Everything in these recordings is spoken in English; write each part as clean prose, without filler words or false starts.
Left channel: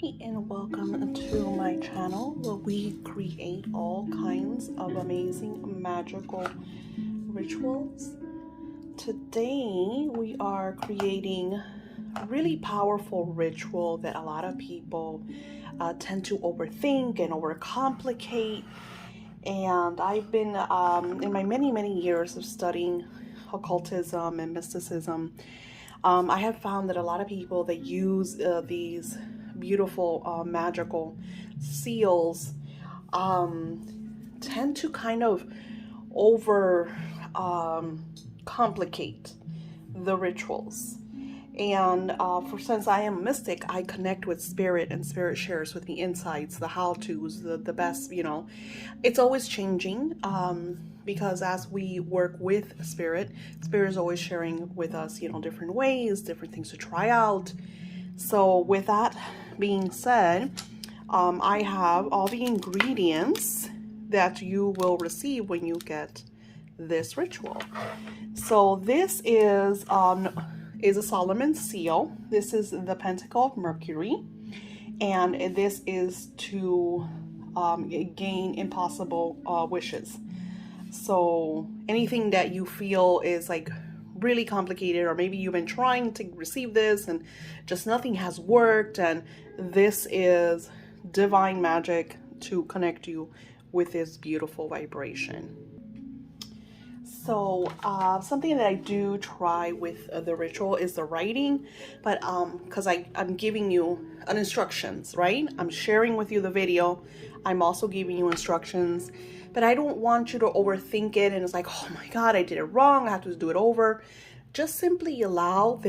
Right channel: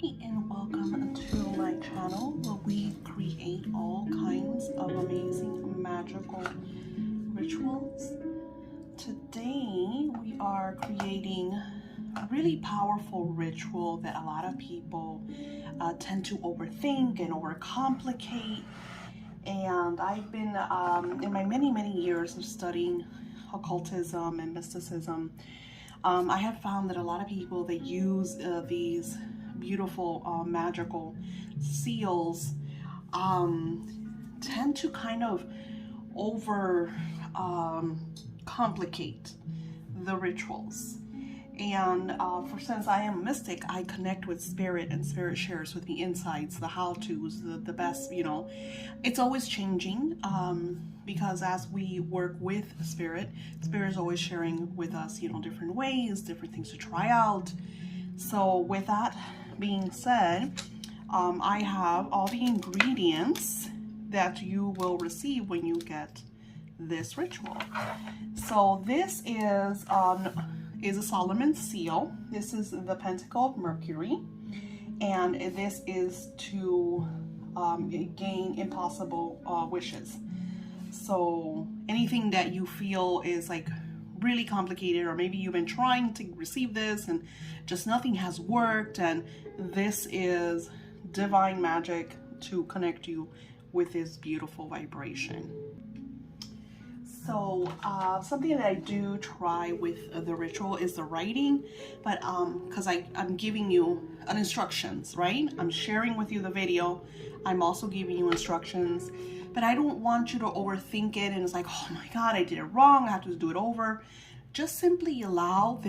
Hey, and welcome to my channel where we create all kinds of amazing magical rituals. Today we are creating a really powerful ritual that a lot of people tend to overthink and overcomplicate. And I've been, in my many years of studying occultism and mysticism, I have found that a lot of people that use these beautiful magical seals tend to kind of over complicate the rituals. And since I am a mystic, I connect with spirit, and spirit shares with me insights, the how-tos, the best, it's always changing. Because as we work with spirit is always sharing with us, different ways, different things to try out. So with that being said, I have all the ingredients that you will receive when you get this ritual. So this is a Solomon seal. This is the Pentacle of Mercury, and this is to gain impossible wishes. So anything that you feel is like really complicated, or maybe you've been trying to receive this and just nothing has worked, and this is divine magic to connect you with this beautiful vibration. So something that I do try with the ritual is the writing, but because I'm giving you an instructions, right? I'm sharing with you the video. I'm also giving you instructions, but I don't want you to overthink it and it's like, oh my God, I did it wrong, I have to do it over. Just simply allow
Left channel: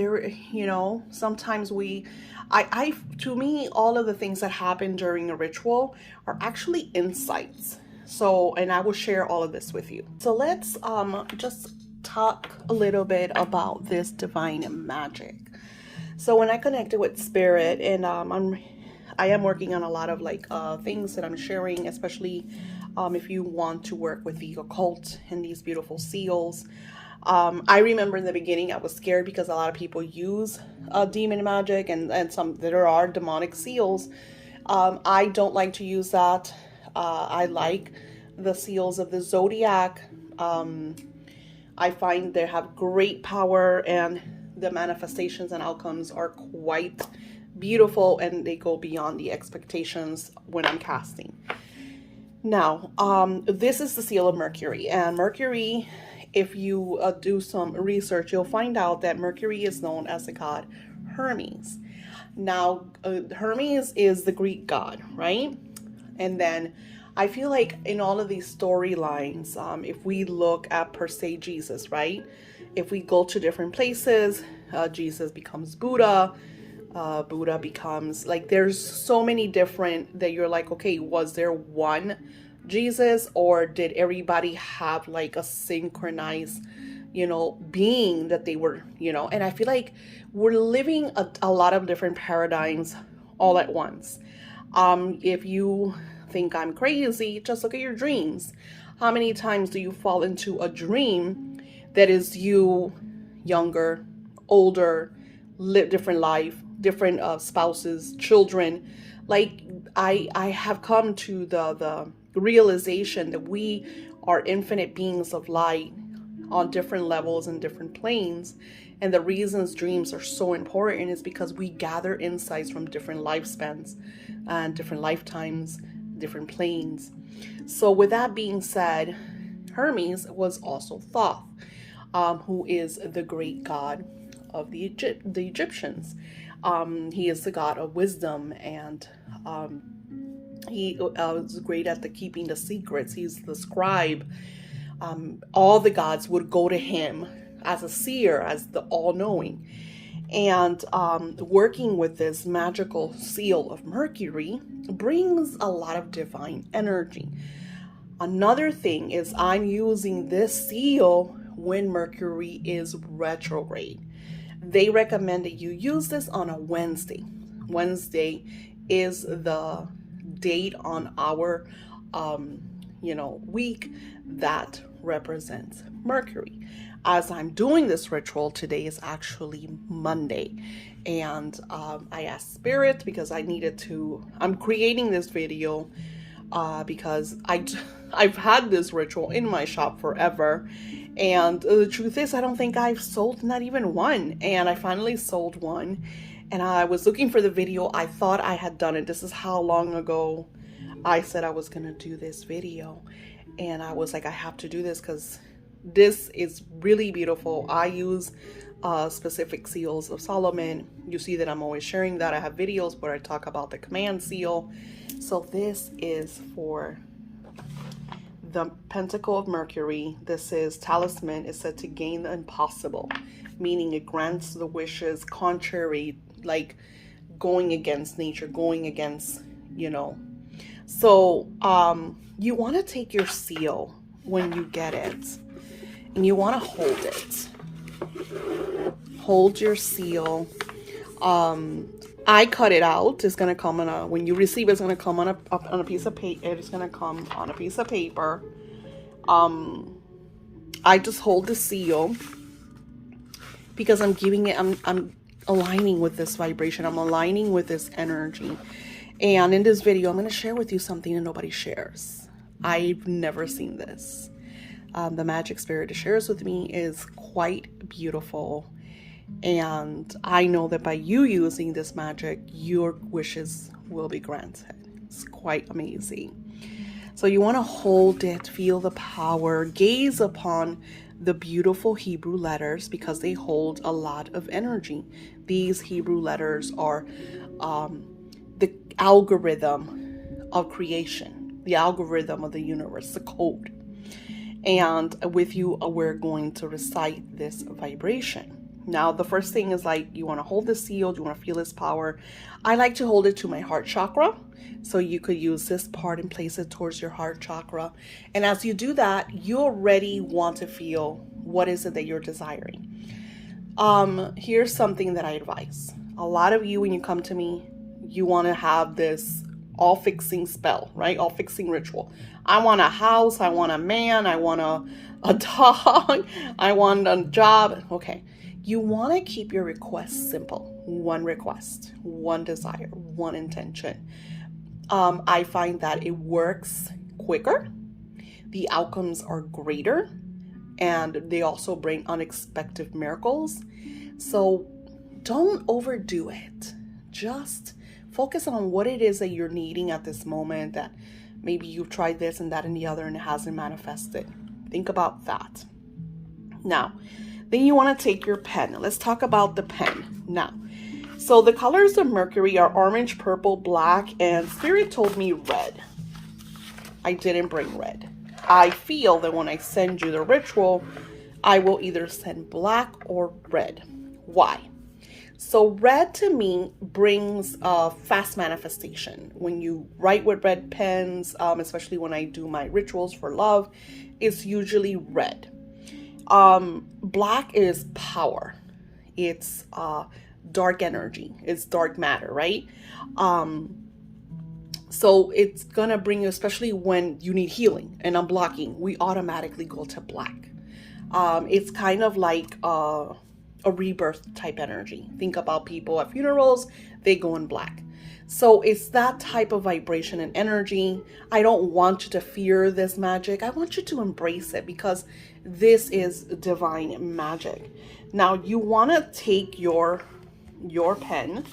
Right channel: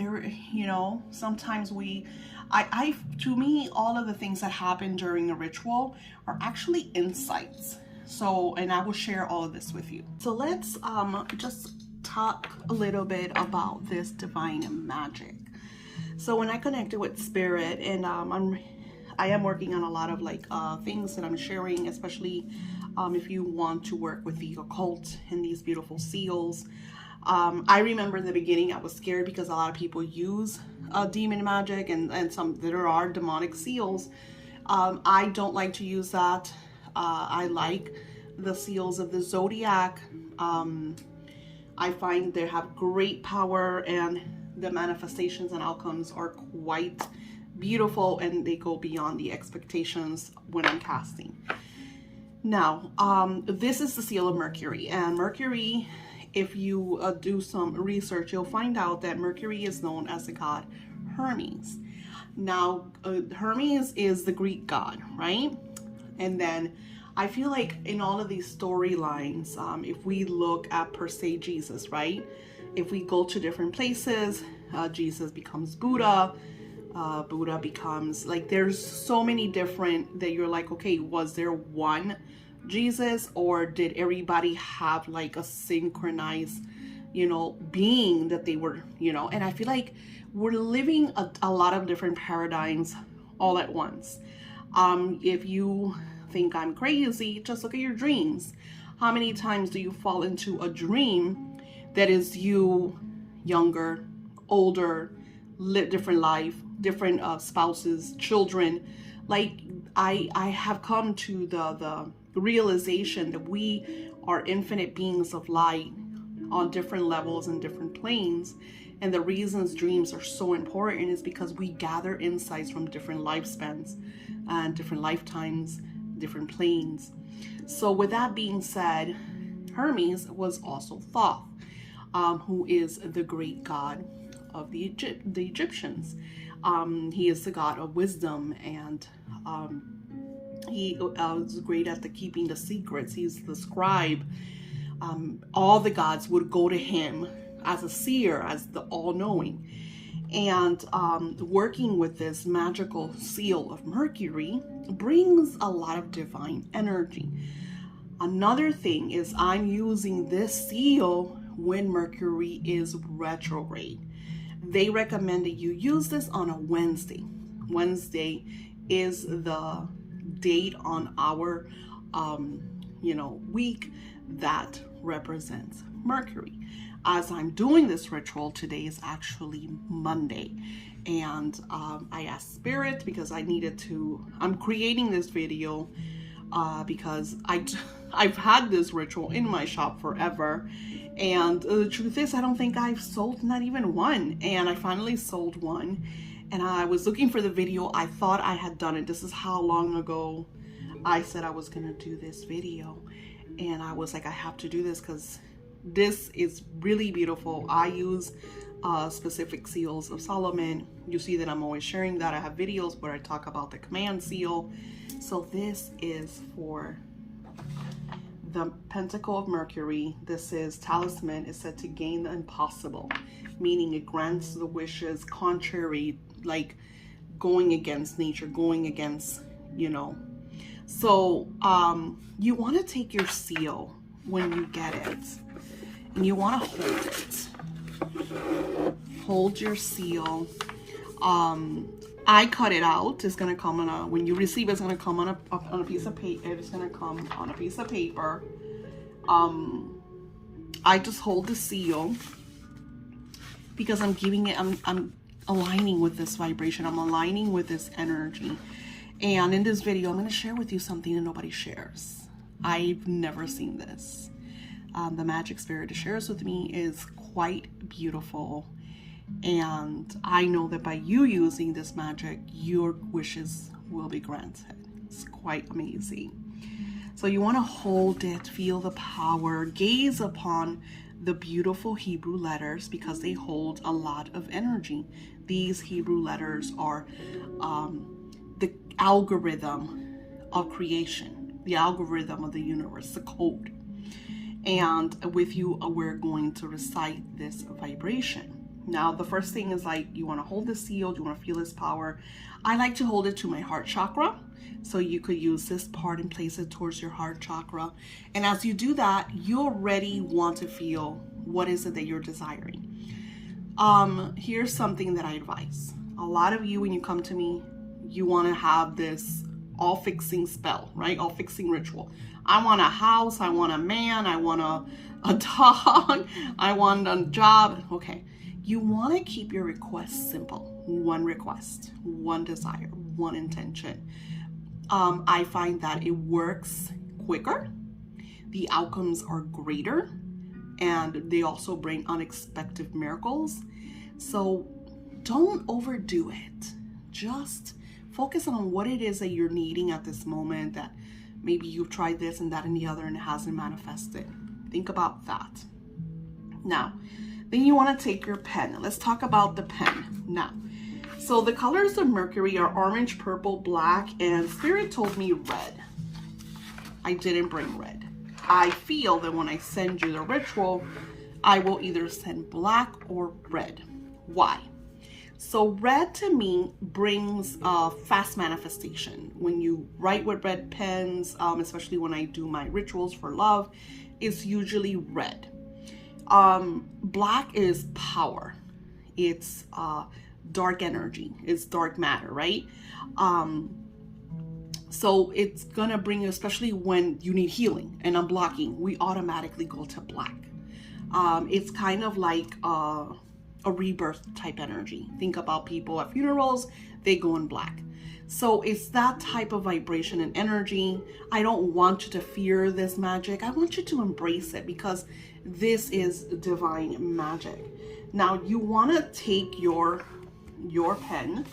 sometimes to me, all of the things that happen during a ritual are actually insights. So, and I will share all of this with you. So let's just talk a little bit about this divine magic. So when I connected with spirit, and I am working on a lot of things that I'm sharing, especially if you want to work with the occult and these beautiful seals. I remember in the beginning I was scared because a lot of people use demon magic and some there are demonic seals. I don't like to use that. I like the seals of the zodiac. I find they have great power, and the manifestations and outcomes are quite beautiful, and they go beyond the expectations when I'm casting. Now, this is the seal of Mercury, and Mercury, if you do some research, you'll find out that Mercury is known as the god Hermes. Now, Hermes is the Greek god, right? And then I feel like in all of these storylines, if we look at per se Jesus, right? If we go to different places, Jesus becomes Buddha. Buddha becomes, there's so many different that you're like, okay, was there one Jesus, or did everybody have a synchronized, being that they were, and I feel like we're living a lot of different paradigms all at once. If you think I'm crazy, just look at your dreams. How many times do you fall into a dream that is you younger, older, live different life, different spouses, children? I have come to the realization that we are infinite beings of light on different levels and different planes. And the reasons dreams are so important is because we gather insights from different lifespans and different lifetimes, different planes. So with that being said, Hermes was also Thoth, who is the great god of the Egyptians. He is the god of wisdom, and he is great at keeping the secrets. He's the scribe. All the gods would go to him as a seer, as the all-knowing. And working with this magical seal of Mercury brings a lot of divine energy. Another thing is I'm using this seal when Mercury is retrograde. They recommend that you use this on a Wednesday. Wednesday is the date on our week that represents Mercury. as I'm doing this ritual, today is actually Monday, and I asked Spirit because I needed to, I'm creating this video because I've had this ritual in my shop forever, and the truth is I don't think I've sold not even one, and I finally sold one, and I was looking for the video. I thought I had done it. This is how long ago I said I was gonna do this video, and I was like, I have to do this because this is really beautiful. I use specific seals of Solomon. You see that I'm always sharing that. I have videos where I talk about the command seal. So this is for the Pentacle of Mercury. This is talisman. Is said to gain the impossible, meaning it grants the wishes contrary, like going against nature, going against, you know. So you want to take your seal when you get it, and you want to hold it. Hold your seal. I cut it out. It's gonna come on a, when you receive it, it's gonna come on a piece of paper. It's gonna come on a piece of paper. I just hold the seal because I'm giving it, I'm aligning with this vibration. I'm aligning with this energy. And in this video, I'm going to share with you something that nobody shares. I've never seen this. The magic Spirit shares with me is quite beautiful. And I know that by you using this magic, your wishes will be granted. It's quite amazing. So you want to hold it, feel the power, gaze upon the beautiful Hebrew letters because they hold a lot of energy. These Hebrew letters are the algorithm of creation, the algorithm of the universe, the code. And with you, we're going to recite this vibration. Now, the first thing is, like, you want to hold the seal, you want to feel its power. I like to hold it to my heart chakra. So you could use this part and place it towards your heart chakra. And as you do that, you already want to feel what is it that you're desiring. Here's something that I advise. A lot of you, when you come to me, you want to have this all-fixing spell, right? All-fixing ritual. I want a house, I want a man, I want a dog, I want a job. Okay. You want to keep your requests simple. One request, one desire, one intention. I find that it works quicker. The outcomes are greater, and they also bring unexpected miracles. So don't overdo it. Just focus on what it is that you're needing at this moment, that maybe you've tried this and that and the other and it hasn't manifested. Think about that. Now, then you want to take your pen. Let's talk about the pen now. So the colors of Mercury are orange, purple, black, and Spirit told me red. I didn't bring red. I feel that when I send you the ritual, I will either send black or red. Why? So red to me brings fast manifestation. When you write with red pens, especially when I do my rituals for love, it's usually red. Black is power. It's dark energy. It's dark matter, right? So it's gonna bring you, especially when you need healing and unblocking, we automatically go to black. It's kind of like a rebirth type energy. Think about people at funerals, they go in black. So it's that type of vibration and energy. I don't want you to fear this magic. I want you to embrace it because this is divine magic. Now you want to take your pen,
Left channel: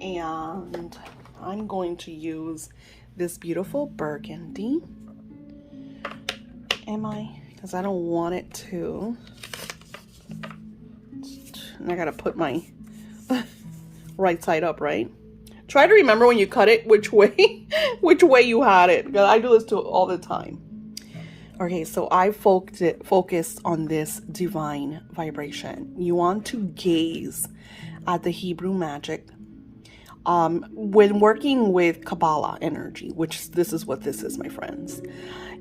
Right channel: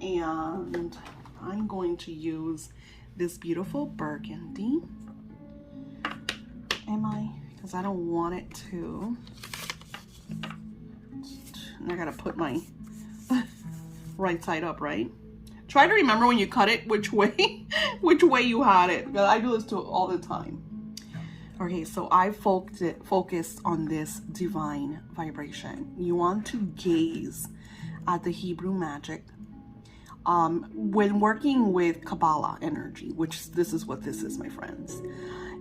and I'm going to use this beautiful burgundy. Because I don't want it to. And I gotta put my right side up, right? Try to remember when you cut it which way you had it. I do this all the time. Okay, so I focused on this divine vibration. You want to gaze at the Hebrew magic. When working with Kabbalah energy, which this is what this is, my friends,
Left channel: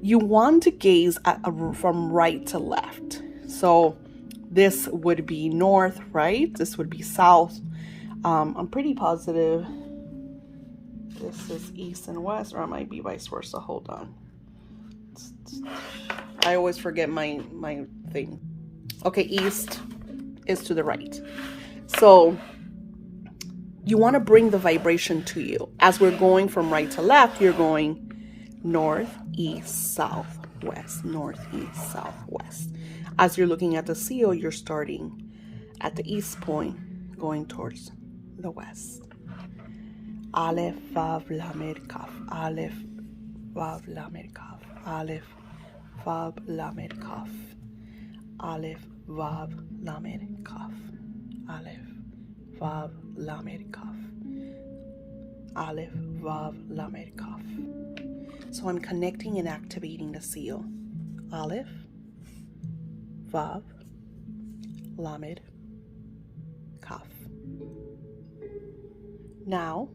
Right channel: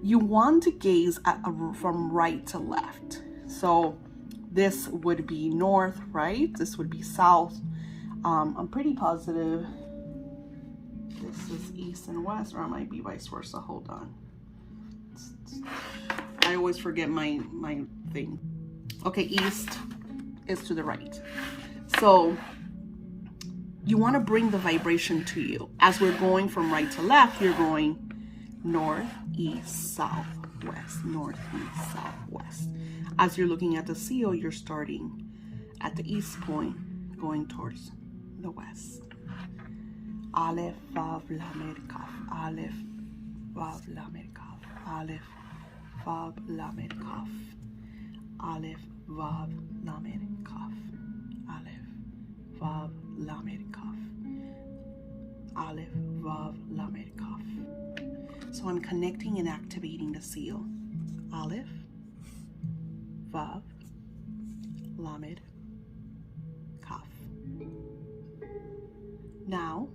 you want to gaze at from right to left. So this would be north, right? This would be south. I'm pretty positive this is east and west, or it might be vice versa. Hold on. I always forget my thing. Okay, east is to the right. So you want to bring the vibration to you. As we're going from right to left, you're going north, east, south, west, north, east, south, west. As you're looking at the seal, you're starting at the east point, going towards the west. Aleph, Vav, Lamed, Kaf. Aleph, Vav, Lamed, Kaf. Aleph, Vav, Lamed, Kaf. Aleph, Vav, Lamed, Kaf. Aleph, Vav, Lamed, Kaf. Aleph, Vav, Lamed, Kaf. So I'm connecting and activating the seal. Aleph, Vav, Lamed, Kaf. Now,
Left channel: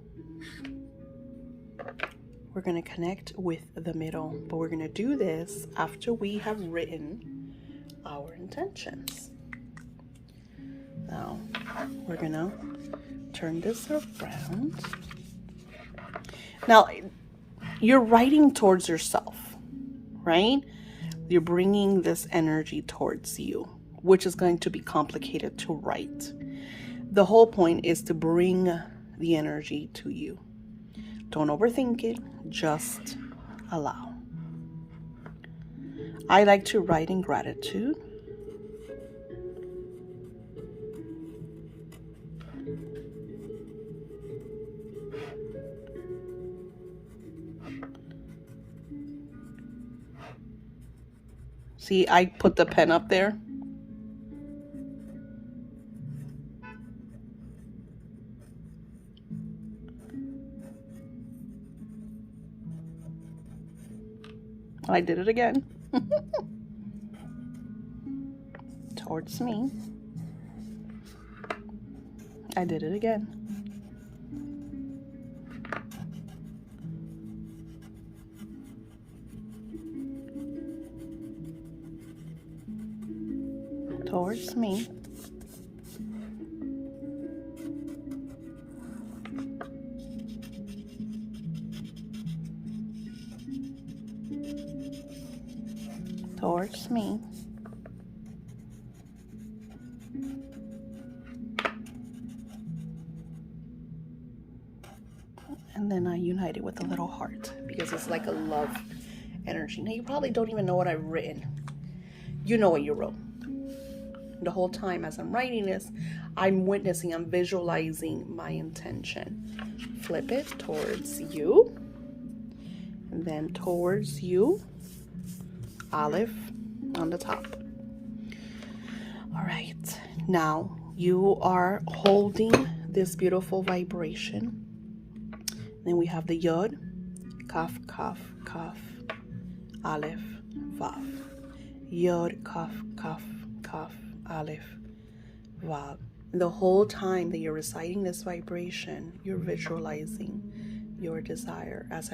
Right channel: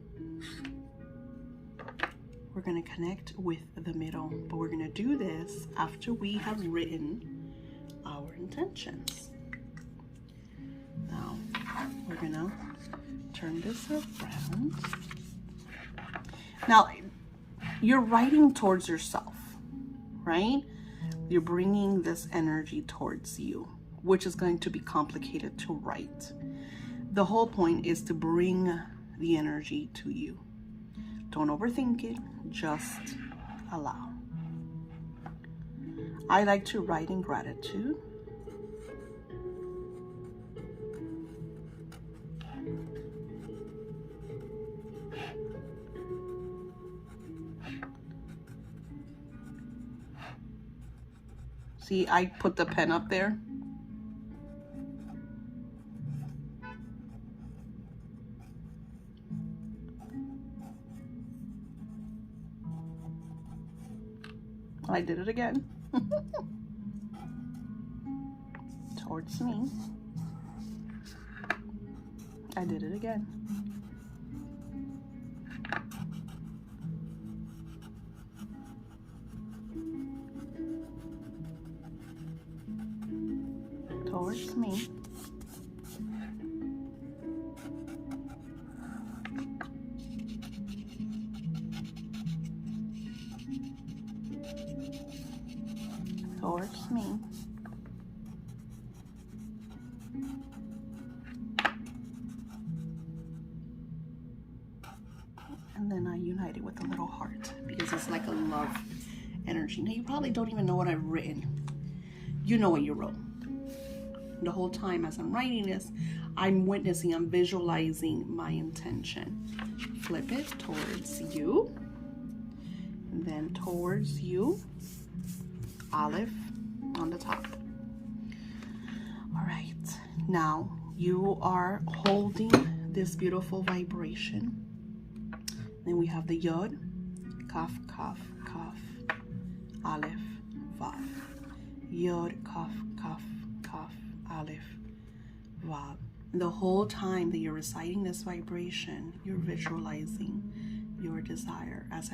we're going to connect with the middle, but we're going to do this after we have written our intentions. Now, we're going to turn this around. Now, you're writing towards yourself, right? You're bringing this energy towards you, which is going to be complicated to write. The whole point is to bring the energy to you. Don't overthink it, just allow. I like to write in gratitude. See, I put the pen up there. I did it again. Towards me. I did it again. Towards me. Towards me. And then I unite it with a little heart because it's like a love energy. Now you probably don't even know what I've written. You know what you wrote. The whole time as I'm writing this, I'm witnessing, I'm visualizing my intention. Flip it towards you. And then towards you. Aleph on the top. All right. Now you are holding this beautiful vibration. Then we have the Yod, Kaf, Kaf, Kaf, Aleph, Vav. Yod, Kaf, Kaf, Kaf, Aleph, Vav. The whole time that you're reciting this vibration, you're visualizing your desire as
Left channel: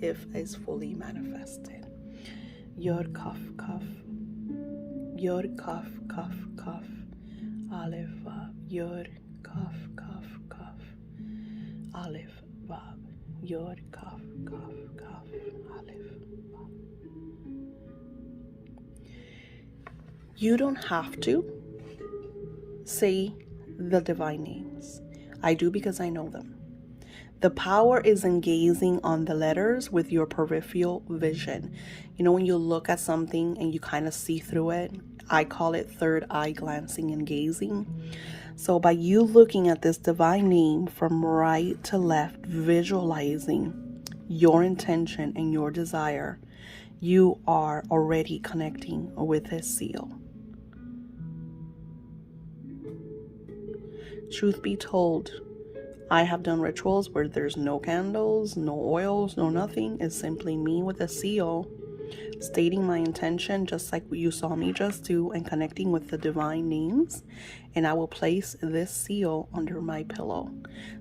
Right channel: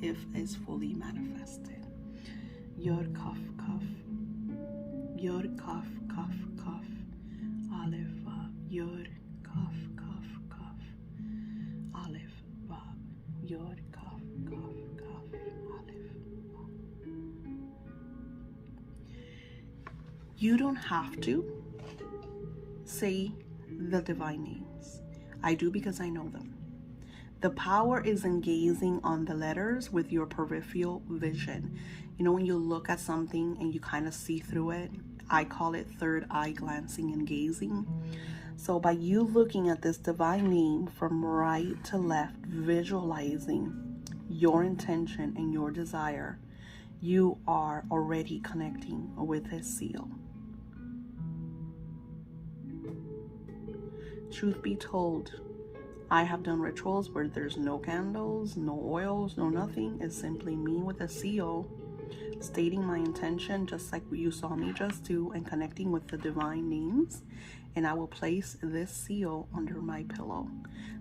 if it's fully manifested. Yod, Kaf, Kaf. Yod, Kaf, Kaf, Kaf. Aleph, Vav. Yod, Kaf, Kaf, Kaf. Aleph, Vav. Yod, Kaf, Kaf, Kaf. Aleph, Vav. You don't have to say the divine names. I do because I know them. The power is in gazing on the letters with your peripheral vision. You know, when you look at something and you kind of see through it, I call it third eye glancing and gazing. So by you looking at this divine name from right to left, visualizing your intention and your desire, you are already connecting with this seal. Truth be told, I have done rituals where there's no candles, no oils, no nothing. It's simply me with a seal, stating my intention just like you saw me just do, and connecting with the divine names. And I will place this seal under my pillow.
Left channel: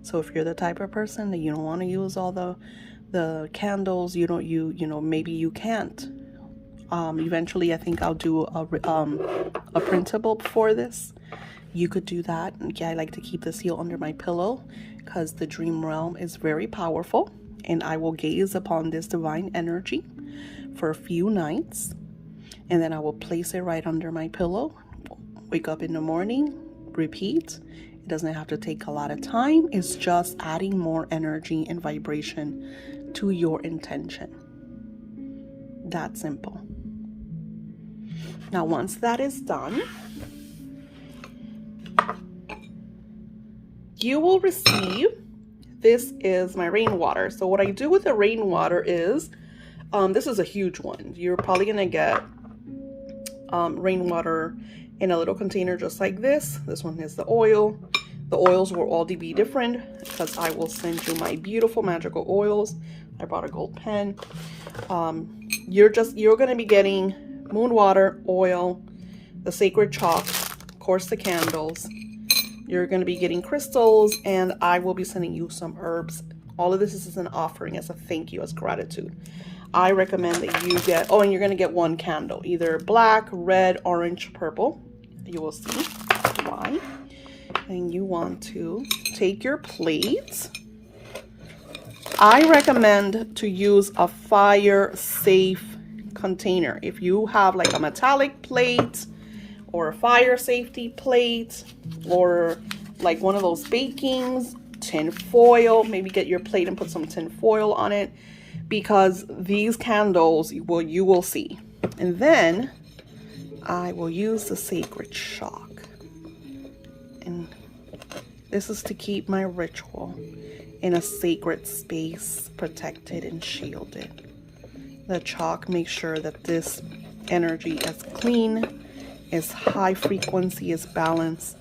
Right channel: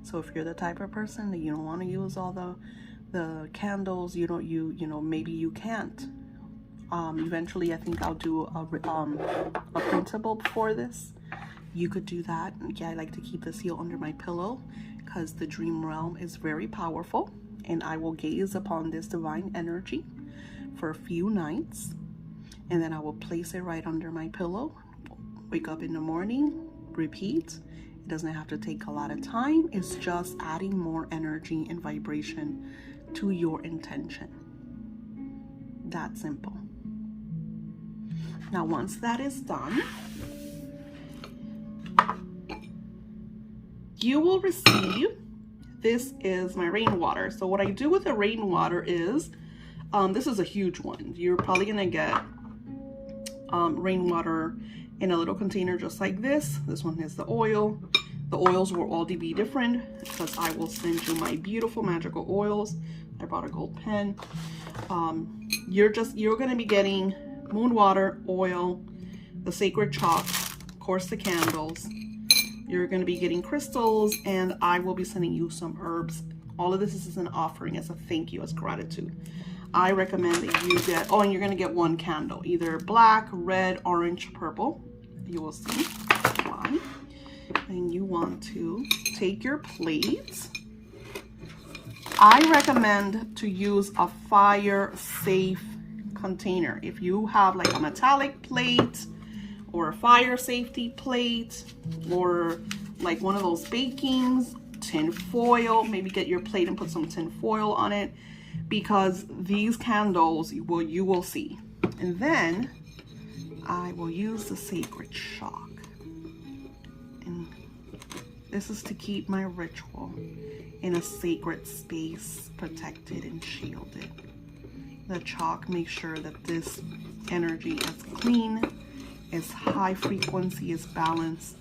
So if you're the type of person that you don't want to use all the candles, maybe you can't. Eventually I think I'll do a printable for this. You could do that. Yeah, I like to keep the seal under my pillow because the dream realm is very powerful, and I will gaze upon this divine energy for a few nights, and then I will place it right under my pillow. Wake up in the morning, repeat. It doesn't have to take a lot of time. It's just adding more energy and vibration to your intention. That simple. Now, once that is done, you will receive, this is my rainwater. So what I do with the rainwater is, this is a huge one. You're probably gonna get rainwater in a little container just like this. This one is the oil. The oils will all be different because I will send you my beautiful magical oils. I brought a gold pen. You're gonna be getting moon water, oil, the sacred chalk, of course the candles. You're gonna be getting crystals, and I will be sending you some herbs. All of this is an offering, as a thank you, as gratitude. I recommend that you get, oh, and you're gonna get one candle, either black, red, orange, purple. You will see why. And you want to take your plate. I recommend to use a fire safe container. If you have like a metallic plate or a fire safety plate, or like one of those bakings, tin foil, maybe get your plate and put some tin foil on it, because these candles, you will see. And then I will use the sacred chalk, and this is to keep my ritual in a sacred space, protected and shielded. The chalk makes sure that this energy is clean, is high frequency, is balanced.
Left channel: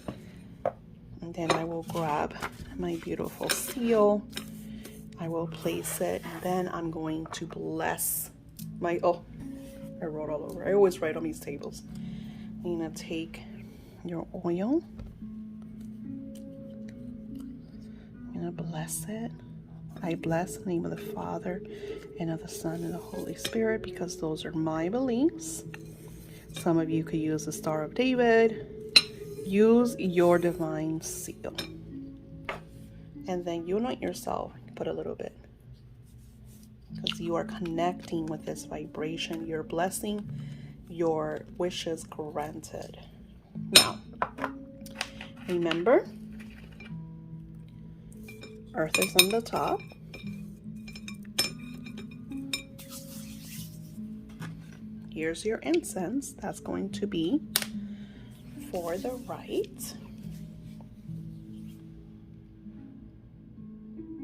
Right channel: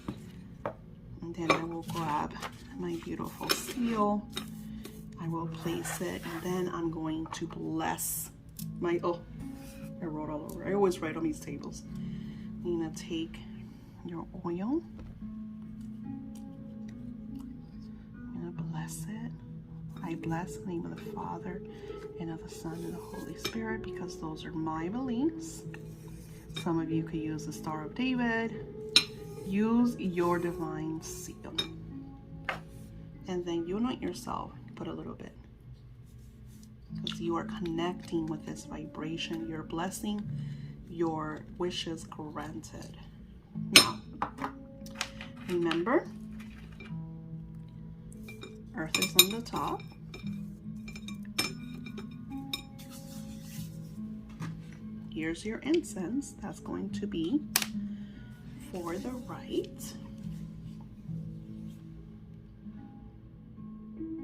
And then I will grab my beautiful seal. I will place it, and then I'm going to bless my, oh, I wrote all over. I always write on these tables. I'm gonna take your oil. I'm gonna bless it. I bless in the name of the Father, and of the Son, and the Holy Spirit, because those are my beliefs. Some of you could use the Star of David. Use your divine seal. And then you anoint yourself. Put a little bit, because you are connecting with this vibration. Your blessing, your wishes granted. Now, remember, earth is on the top. Here's your incense. That's going to be for the right.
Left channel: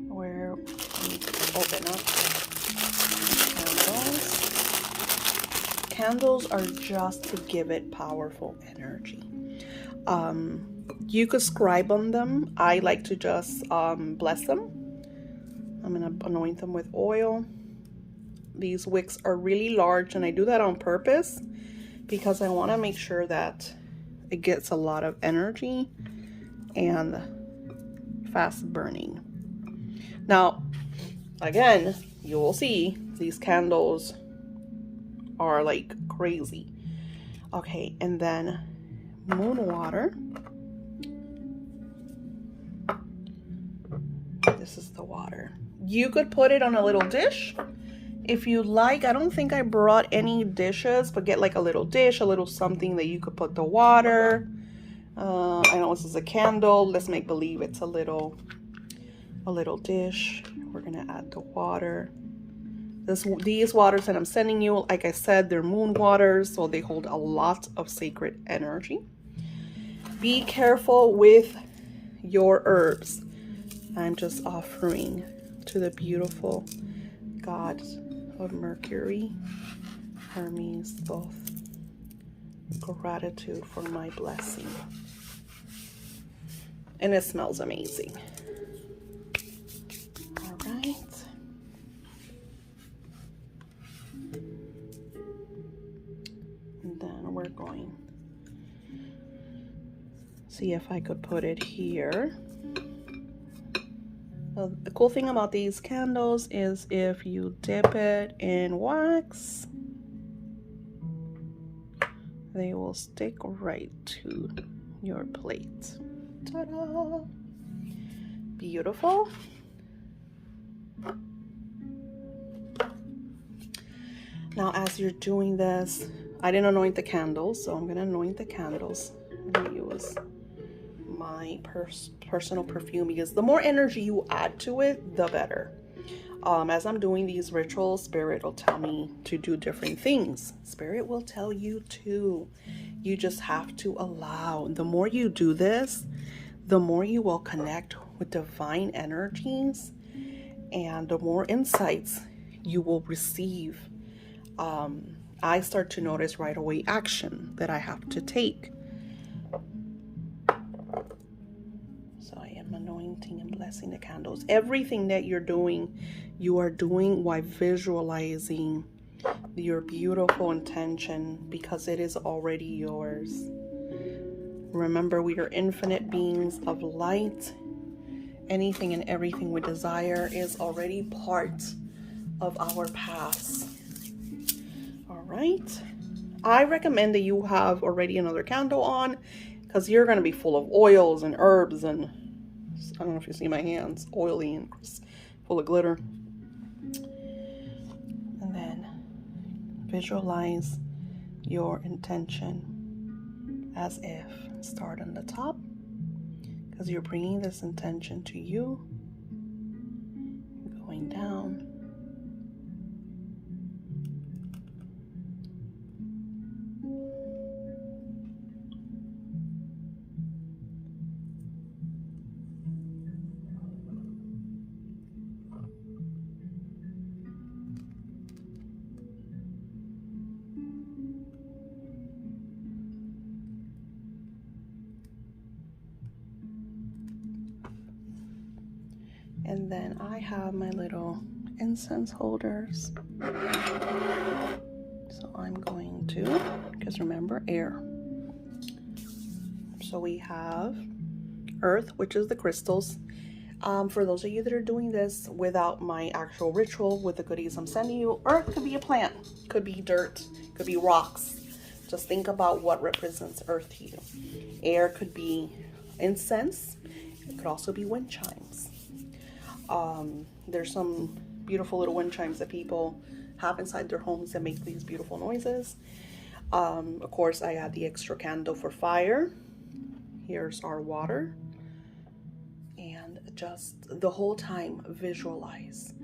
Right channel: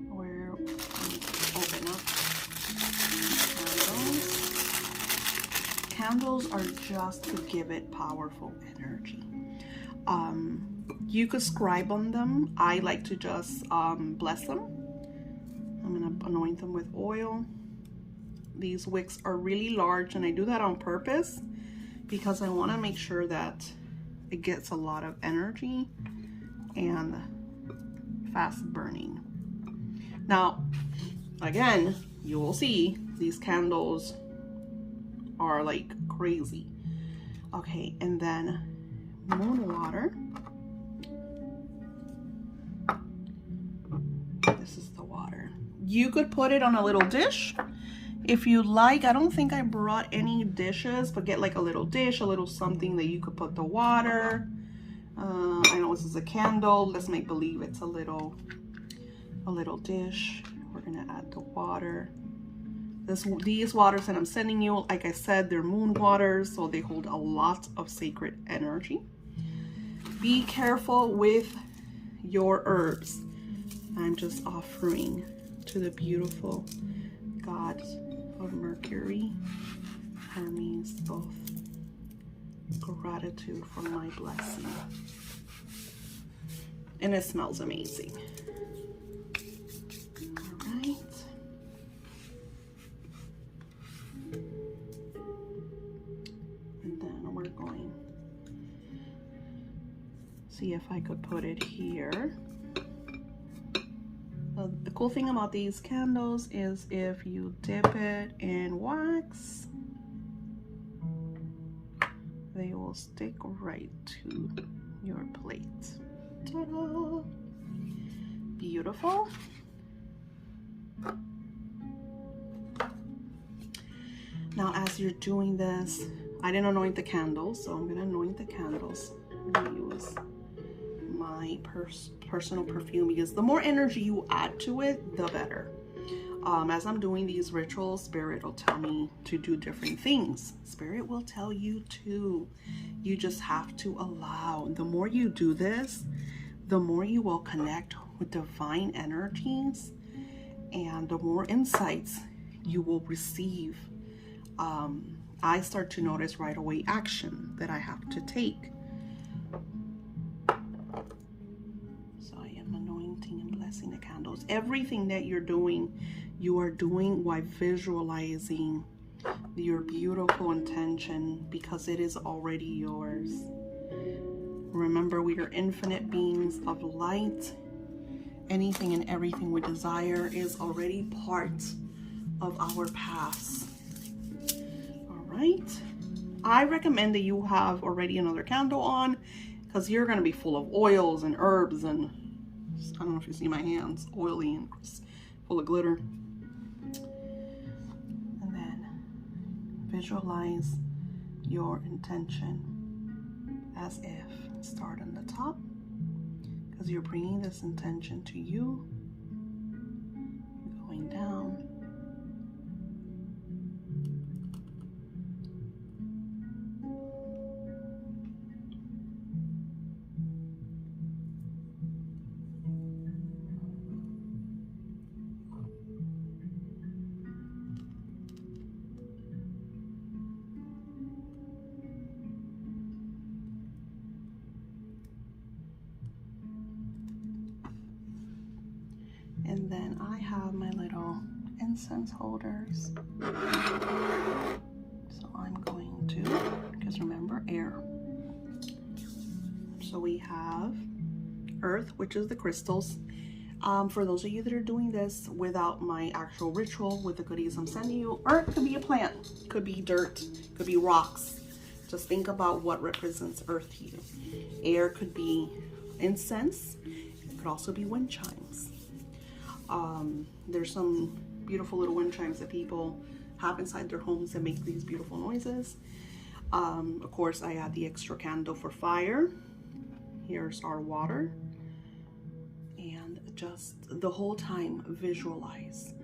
Where open up candles. Candles are just to give it powerful energy. You could scribe on them. I like to just bless them. I'm gonna anoint them with oil. These wicks are really large, and I do that on purpose because I want to make sure that it gets a lot of energy and fast burning. Now, again, you will see these candles are like crazy. Okay, and then moon water. This is the water. You could put it on a little dish if you like. I don't think I brought any dishes, but get like a little dish, a little something that you could put the water. I know this is a candle. Let's make believe it's a little dish. We're gonna add the water. These waters that I'm sending you, like I said, they're moon waters, so they hold a lot of sacred energy. Be careful with your herbs. I'm just offering to the beautiful gods of Mercury, Hermes, both, gratitude for my blessing. And it smells amazing. All right. And then we're going to see if I could put it here. The cool thing about these candles is if you dip it in wax, they will stick right to your plate. Ta-da! Beautiful. Now, as you're doing this, I didn't anoint the candles, so I'm gonna anoint the candles. I'm gonna use my personal perfume, because the more energy you add to it, the better. As I'm doing these rituals, Spirit will tell me to do different things. Spirit will tell you to. You just have to allow. The more you do this, the more you will connect with divine energies, and the more insights you will receive. I start to notice right away action that I have to take. So I am anointing and blessing the candles. Everything that you're doing, you are doing while visualizing your beautiful intention, because it is already yours. Remember, we are infinite beings of light. Anything and everything we desire is already part of our paths. All right. I recommend that you have already another candle on, because you're going to be full of oils and herbs, and I don't know if you see my hands, oily and full of glitter. And then visualize your intention as if. Start on the top, because you're bringing this intention to you, going down, and then I have my little incense holders. So I'm going to, because remember, air. So we have earth, which is the crystals. For those of you that are doing this without my actual ritual, with the goodies I'm sending you, earth could be a plant, could be dirt, could be rocks. Just think about what represents earth to you. Air could be incense. It could also be wind chimes. There's some beautiful little wind chimes that people have inside their homes that make these beautiful noises. Of course, I add the extra candle for fire. Here's our water. And just the whole time visualize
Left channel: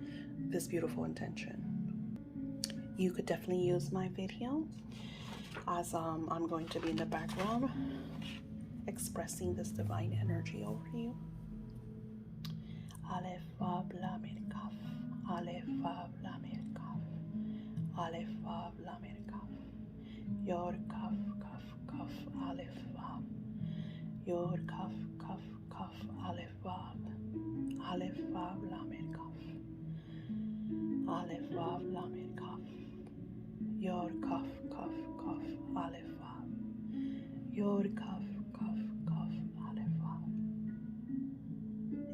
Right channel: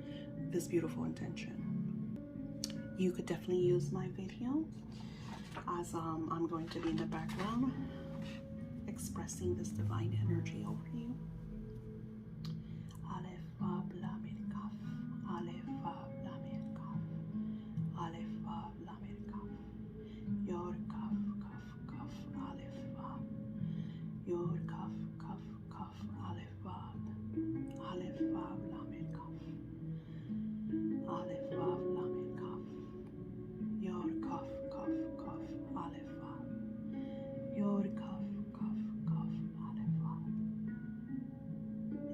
this beautiful intention. You could definitely use my video, as I'm going to be in the background expressing this divine energy over you. Aleph Vav Lamed Kaf, Aleph Vav Lamed Kaf, Aleph Vav Lamed Kaf, Yod Kaf Kaf Kaf Aleph Vav, Yod Kaf Kaf Kaf Aleph Vav, Aleph Vav Lamed Kaf, Aleph Vav Lamed Kaf, Yod Kaf Kaf Kaf Aleph Vav, Yod Kaf Kaf Kaf Aleph Vav.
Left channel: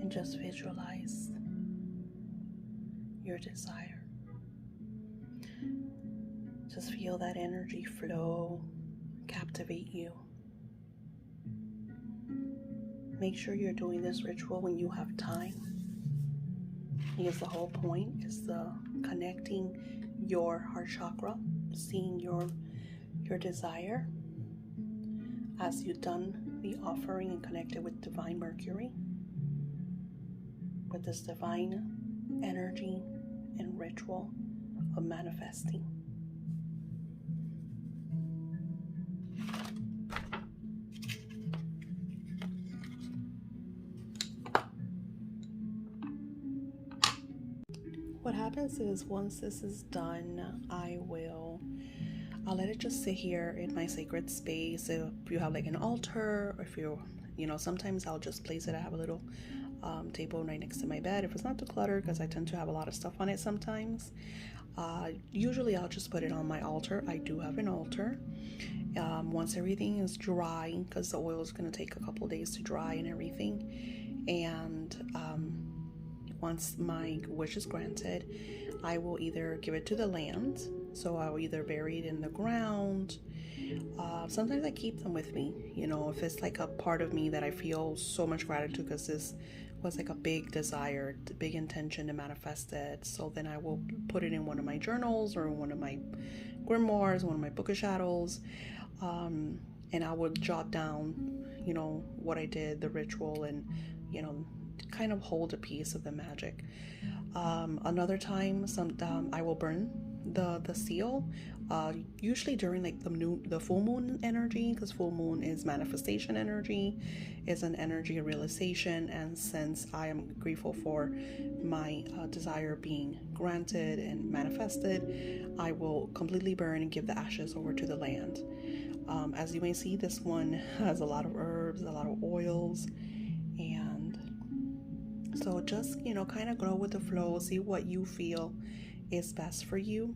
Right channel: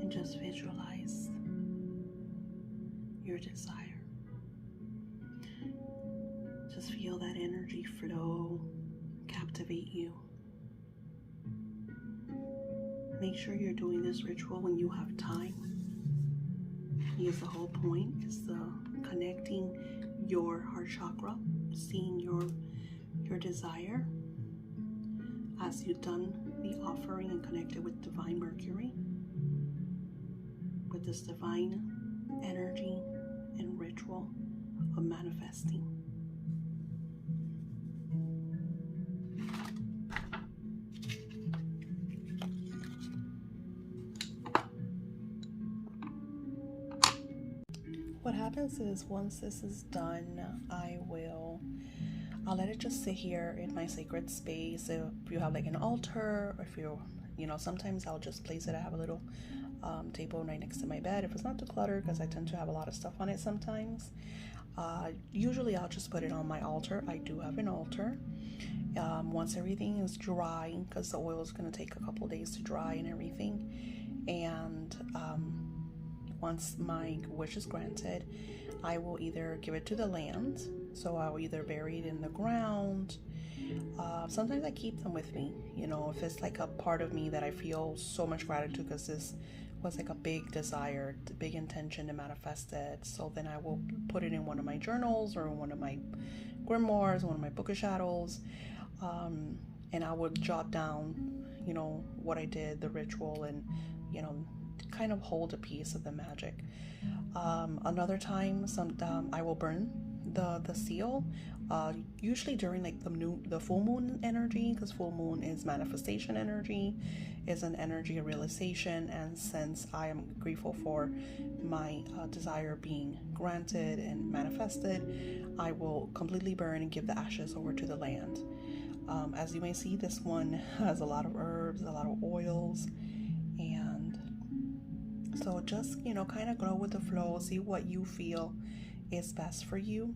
And just visualize your desire. Just feel that energy flow, captivate you. Make sure you're doing this ritual when you have time, because the whole point is the connecting your heart chakra, seeing your desire. As you've done the offering and connected with Divine Mercury, with this divine energy and ritual of manifesting. What happens is, once this is done, I'll let it just sit here in my sacred space. If you have like an altar, or if sometimes I'll just place it. I have a little table right next to my bed if it's not too cluttered, because I tend to have a lot of stuff on it sometimes. Usually I'll just put it on my altar. I do have an altar. Once everything is dry, because the oil is going to take a couple of days to dry and everything, and once my wish is granted, I will either give it to the land, so I'll either bury it in the ground. Sometimes I keep them with me, if it's like a part of me that I feel so much gratitude, because this was like a big desire, a big intention to manifest it. So then I will put it in one of my journals or one of my grimoires, one of my book of shadows, and I would jot down, you know, what I did, the ritual, and, you know, kind of hold a piece of the magic. Another time, I will burn the seal, usually during like the full moon energy, because full moon is manifestation energy, is an energy of realization. And since I am grateful for my desire being granted and manifested, I will completely burn and give the ashes over to the land. As you may see, this one has a lot of herbs, a lot of oils, and so just, you know, kind of go with the flow, see what you feel is best for you.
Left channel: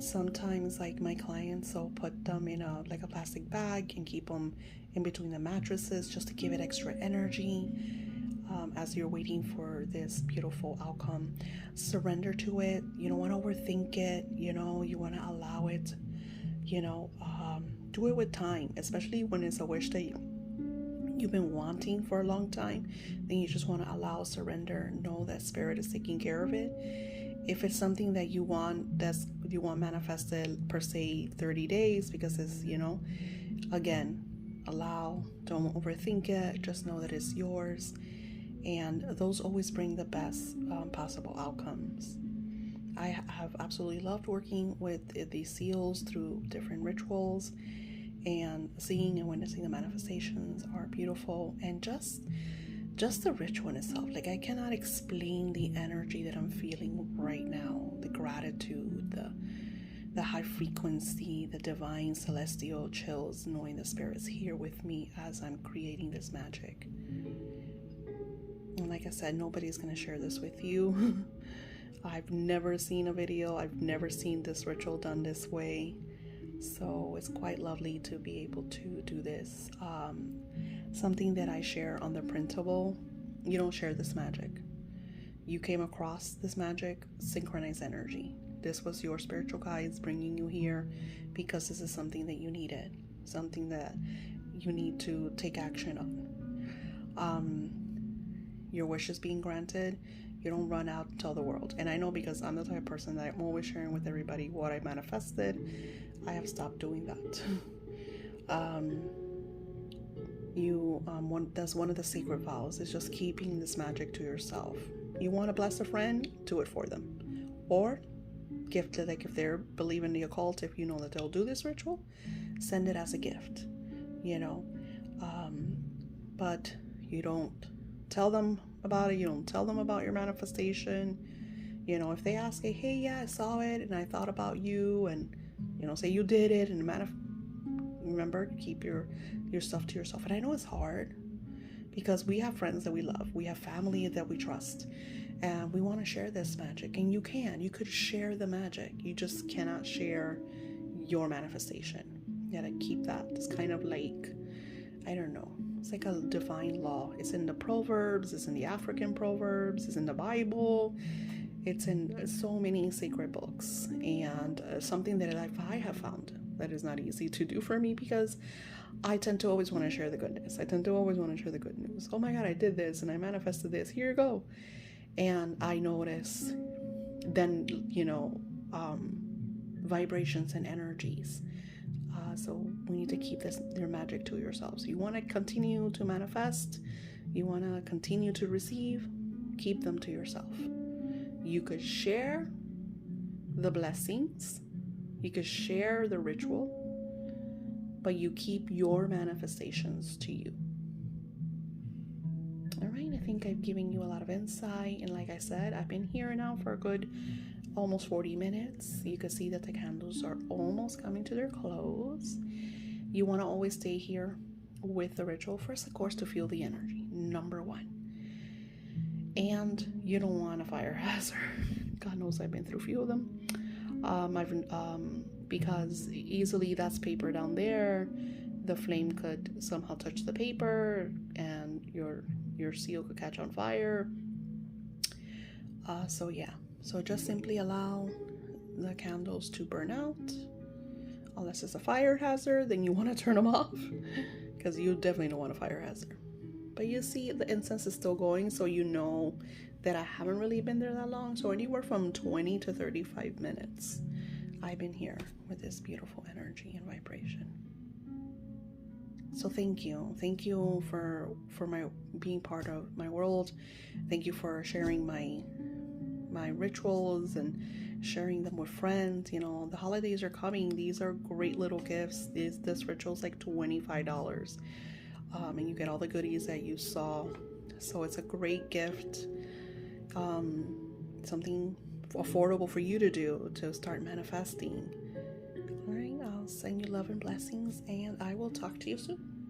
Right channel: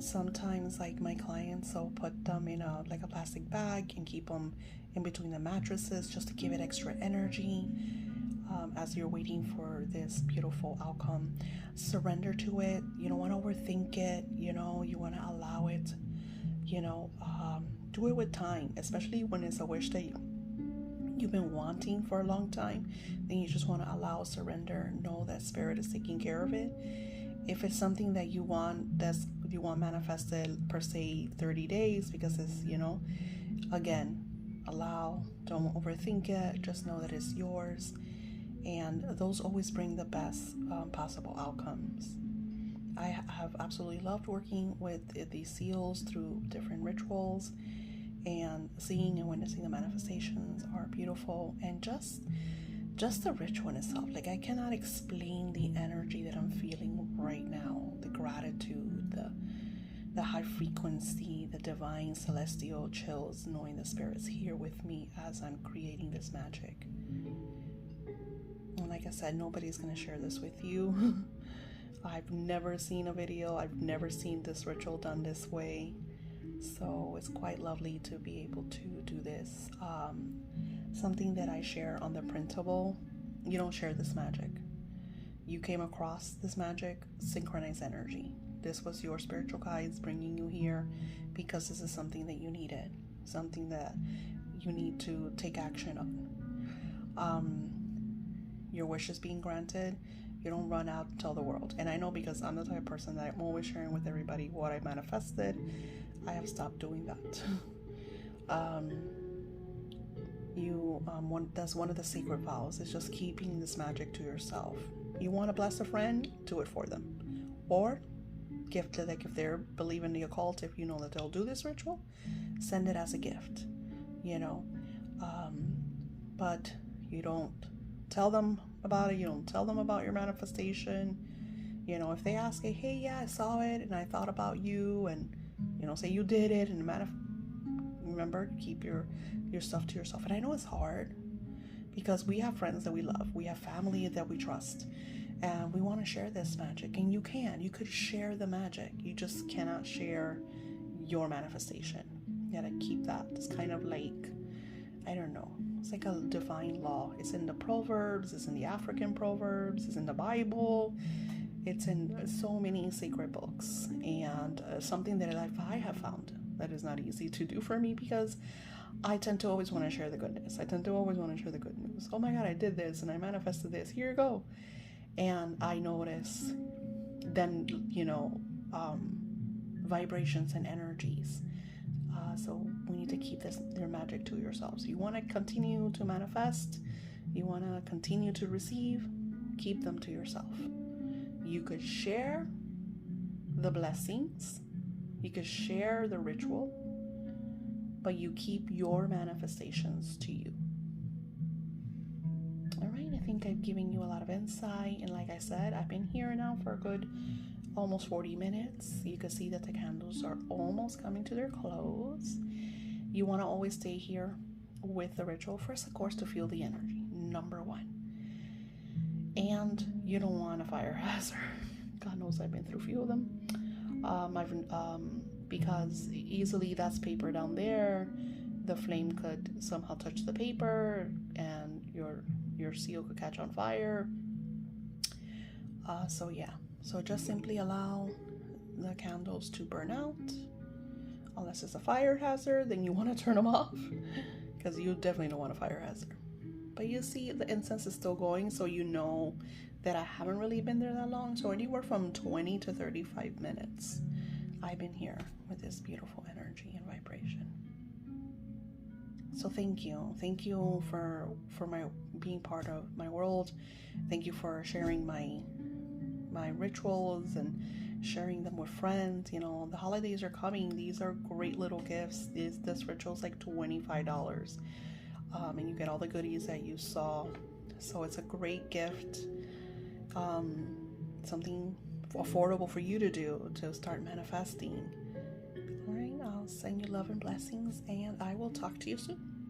Sometimes, like my clients, I'll put them in a plastic bag and keep them in between the mattresses just to give it extra energy as you're waiting for this beautiful outcome. Surrender to it. You don't want to overthink it. You know, you want to allow it. You know, do it with time, especially when it's a wish that you've been wanting for a long time. Then you just want to allow, surrender, know that spirit is taking care of it. If it's something that you want, manifested per se 30 days, because it's, you know, again, allow, don't overthink it, just know that it's yours, and those always bring the best possible outcomes. I have absolutely loved working with these seals through different rituals, and seeing and witnessing the manifestations are beautiful. And just the ritual in itself, like I cannot explain the energy that I'm feeling right now, the gratitude, the high frequency, the divine celestial chills, knowing the spirit's here with me as I'm creating this magic. And like I said, nobody's going to share this with you. I've never seen a video, I've never seen this ritual done this way, so it's quite lovely to be able to do this. Something that I share on the printable, you don't share this magic. You came across this magic, synchronized energy. This was your spiritual guides bringing you here because this is something that you needed, something that you need to take action on. Your wish is being granted. You don't run out and tell the world. And I know, because I'm the type of person that I'm always sharing with everybody what I manifested. I have stopped doing that. That's one of the secret vows, is just keeping this magic to yourself. You want to bless a friend, do it for them, or gift it. Like if they're believing the occult, if you know that they'll do this ritual, send it as a gift, you know. But you don't tell them about it. You don't tell them about your manifestation. You know, if they ask, hey, yeah, I saw it and I thought about you, and, you know, say you did it, and remember, keep your stuff to yourself. And I know it's hard, because we have friends that we love, we have family that we trust, and we want to share this magic. And you could share the magic, you just cannot share your manifestation. You gotta keep that. It's kind of like, I don't know, it's like a divine law. It's in the Proverbs, it's in the African Proverbs, it's in the Bible, it's in so many sacred books. And something that I have found that is not easy to do for me, because I tend to always want to share the goodness. I tend to always want to share the good news. Oh my God, I did this and I manifested this. Here you go. And I notice then, you know, vibrations and energies. So we need to keep their magic to yourselves. You want to continue to manifest, you want to continue to receive, keep them to yourself. You could share the blessings, you could share the ritual, but you keep your manifestations to you. All right, I think I've given you a lot of insight. And like I said, I've been here now for a good almost 40 minutes. You can see that the candles are almost coming to their close. You want to always stay here with the ritual. First, of course, to feel the energy, number one. And you don't want a fire hazard. God knows I've been through a few of them. Because easily that's paper down there, the flame could somehow touch the paper and your seal could catch on fire. So just simply allow the candles to burn out. Unless it's a fire hazard, then you want to turn them off, because you definitely don't want a fire hazard. But you see the incense is still going, so you know that I haven't really been there that long. So anywhere from 20 to 35 minutes I've been here with this beautiful energy and vibration. So thank you for my being part of my world. Thank you for sharing my rituals and sharing them with friends. You know, the holidays are coming. These are great little gifts. This ritual is like $25, and you get all the goodies that you saw. So it's a great gift, something affordable for you to do to start manifesting. All right, I'll send you love and blessings, and I will talk to you soon.